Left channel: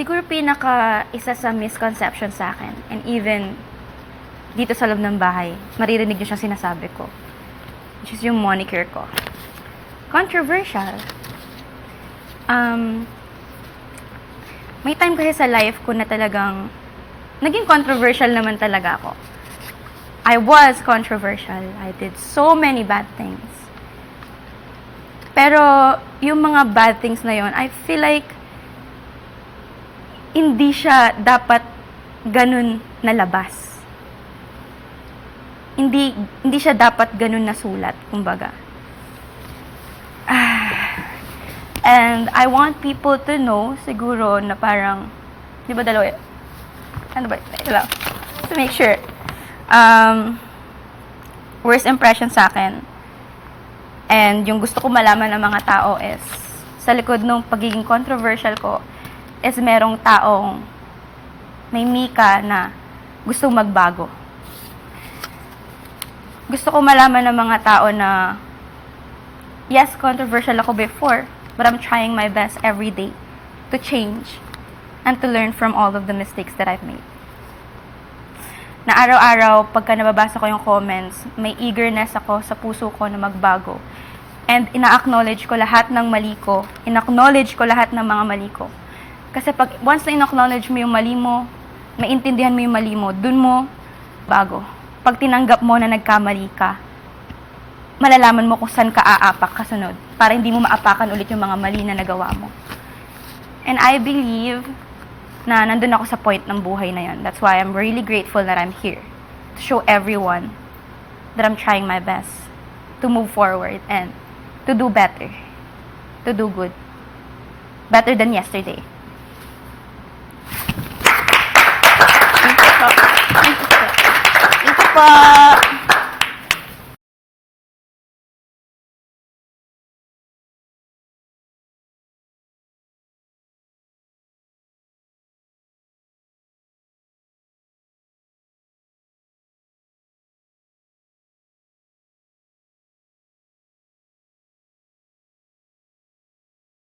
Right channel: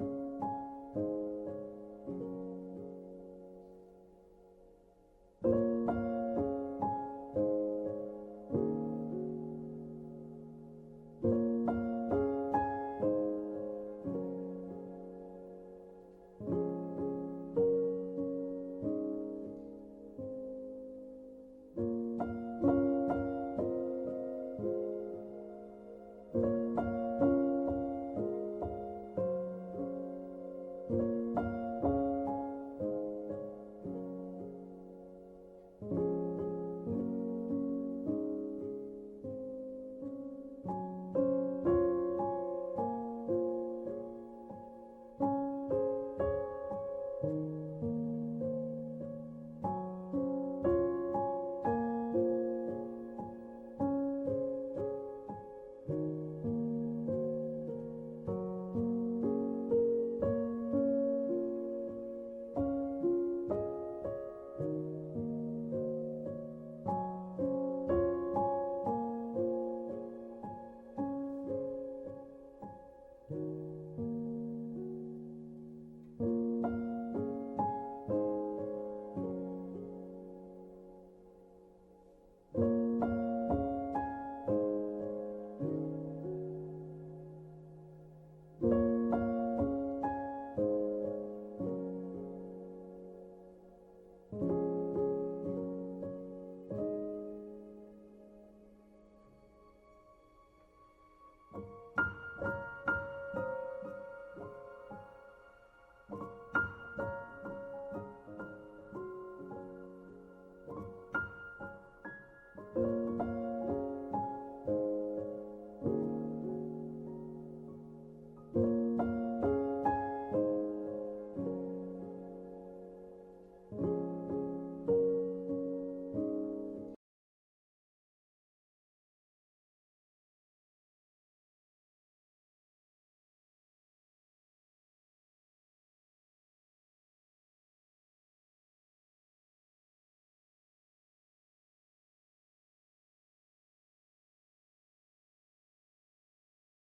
Siguro isa sa misconception sa akin, and even dito sa loob ng bahay, maririnig niyo siya sinasabi ko. Which is yung moniker ko. Controversial. May time kasi sa life ko na talagang naging controversial naman talaga ako. I was controversial. I did so many bad things. Pero yung mga bad things na yon, I feel like hindi siya dapat ganun nalabas. Hindi siya dapat ganun nasulat, kumbaga. And I want people to know, siguro, na parang, di ba dalawa? Ano ba? Ito lang. To make sure. Worst impression sa akin. And yung gusto ko malaman ng mga tao is, sa likod ng pagiging controversial ko, is merong taong may mika na gustong magbago. Gusto ko malaman ng mga tao na, yes, controversial ako before, but I'm trying my best every day to change and to learn from all of the mistakes that I've made. Na araw-araw, pagka nababasa ko yung comments, may eagerness ako sa puso ko na magbago. And ina-acknowledge ko lahat ng mali ko. Ina-acknowledge ko lahat ng mga mali ko. Kasi once na ina-acknowledge mo yung mali mo, maintindihan mo yung mali mo, dun mo bago. Pag tinanggap mo na nagkamali ka, malalaman mo kung saan ka aapak kasunod para hindi mo maapakan ulit yung mga mali na nagawa mo. And I believe na nandun ako sa point ng buhay na yun. That's why I'm really grateful that I'm here to show everyone that I'm trying my best to move forward and to do better, to do good, better than yesterday. Thank you po.